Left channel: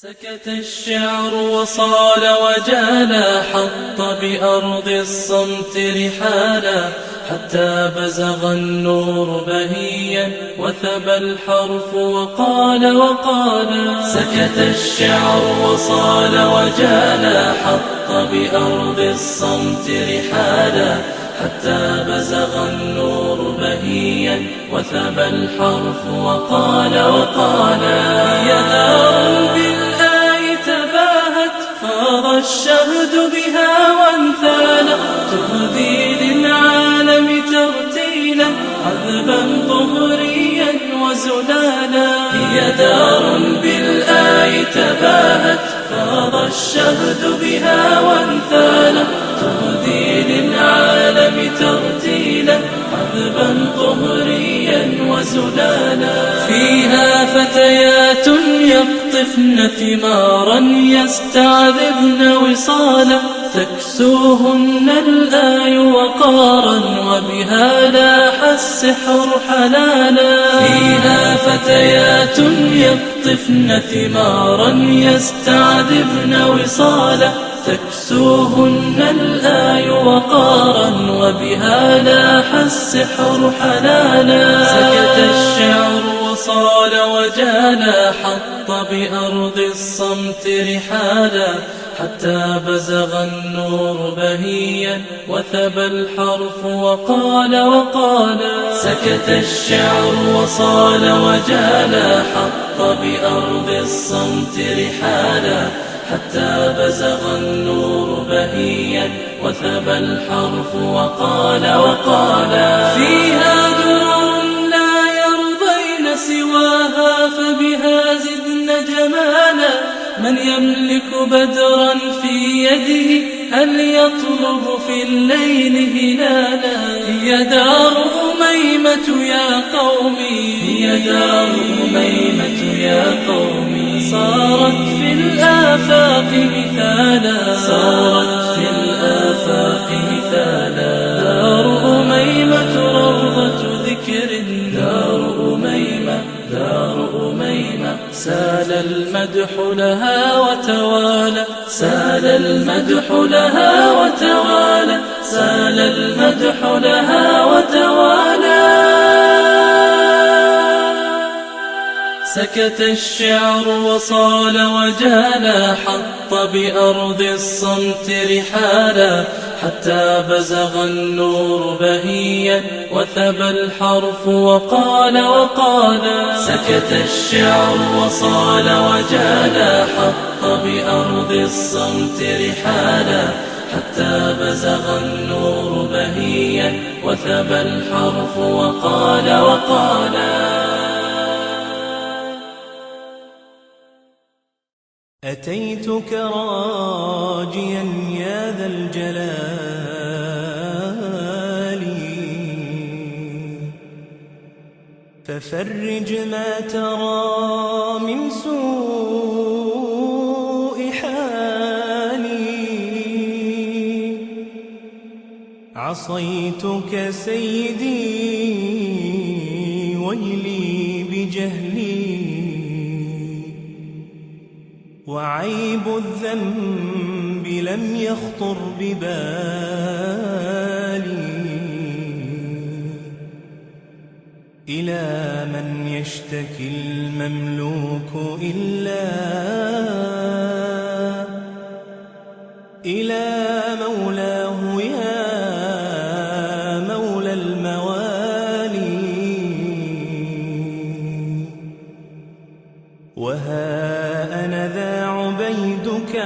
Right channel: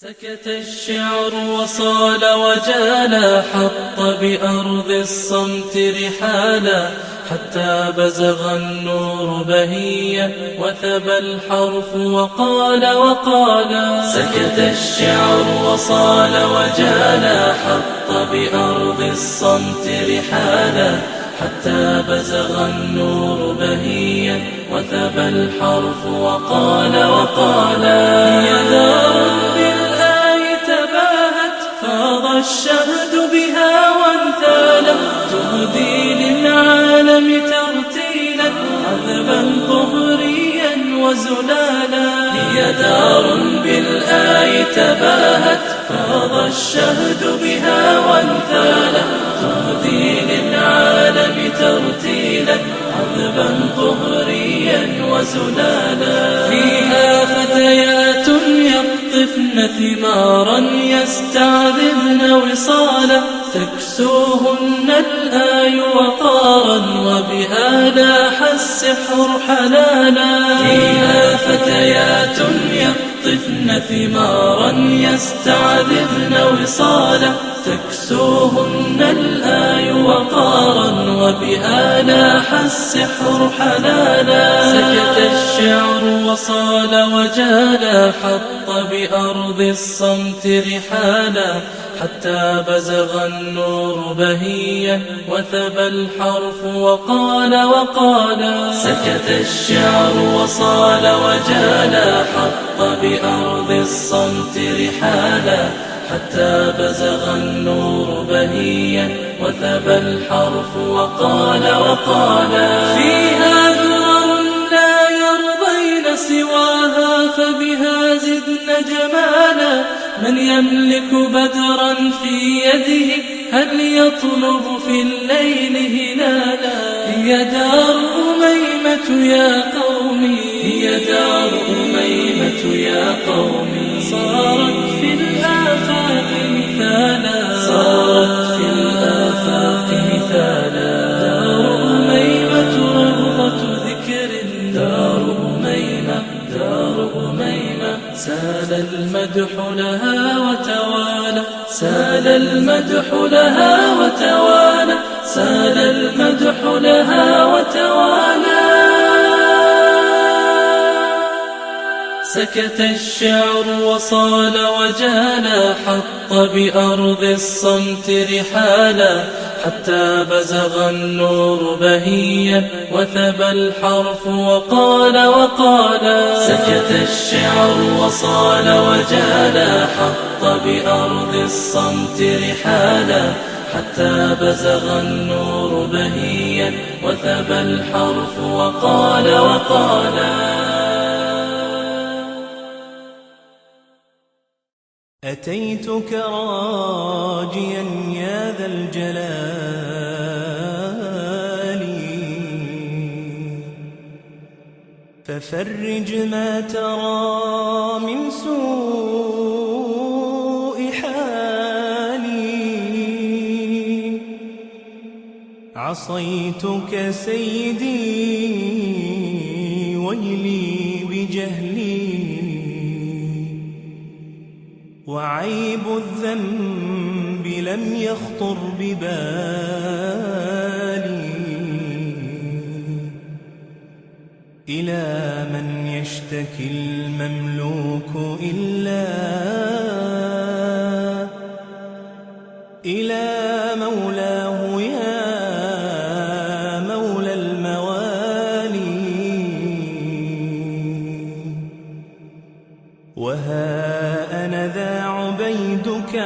سكت الشعر وصال وجالا، حط بأرض الصمت رحالا، حتى بزغ النور بهيا وثبى الحرف وقال. سكت الشعر وصال وجالا، حط بأرض الصمت رحالا، حتى بزغ النور بهيا وثبى الحرف وقال. هي دار بالآي تباهت، فاض الشهد بها وانثالا، تهدي للعالم ترتيلا عذبا طهريا وزلالا. هي دار بالآي تباهت، فاض الشهد بها وانثالا، تهدي للعالم ترتيلا عذبا طهريا وزلالا. فيها فتيات يقطفن ثمارا، يستعذبن وصالا، تكسوهن الآي وقارا، وبها لاح السحر حلالا. فيها فتيات يقطفن ثمارا، يستعذبن وصالا، تكسوهن الآي وقارا، وبها لاح السحر حلالا. سكت الشعر وصال وجالا، حط بأرض الصمت رحالا، حتى بزغ النور بهيا وثبى الحرف وقال. سكت الشعر وصال وجالا، حط بأرض الصمت رحالا، حتى بزغ النور بهيا وثبى الحرف وقال. فيها درر لا يرضين سواها، فبها زدن جمالا، من يملك بدرا في يده، هل يطلب في الليل هلالا. هي دار أميمة يا قومي، هي دار أميمة يا قومي، صارت في الآفاق مثالا، صارت في الآفاق مثالا. دار أميمة روضة ذكر، دار أميمة، دار أميمة. سال المدح لها وتوالى، سال المدح لها وتوالى، سال المدح لها وتوالى. سكت الشعر وصال وجالا، حط بأرض الصمت رحالا، حتى بزغ النور بهيا وثبى الحرف وقال. سكت الشعر وصال وجالا، حط بأرض الصمت رحالا، حتى بزغ النور بهيا وثبى الحرف وقال. أتيتك راجيا يا ذا الجلال، ففرج ما ترى من سوء حالي. عصيتك سيدي ويلي بجهلي، وعيب الذنب لم يخطر ببالي. إلى من يشتكي المملوك إلى مولاه يا مولى الموالي. وها أنا ذا عبيدك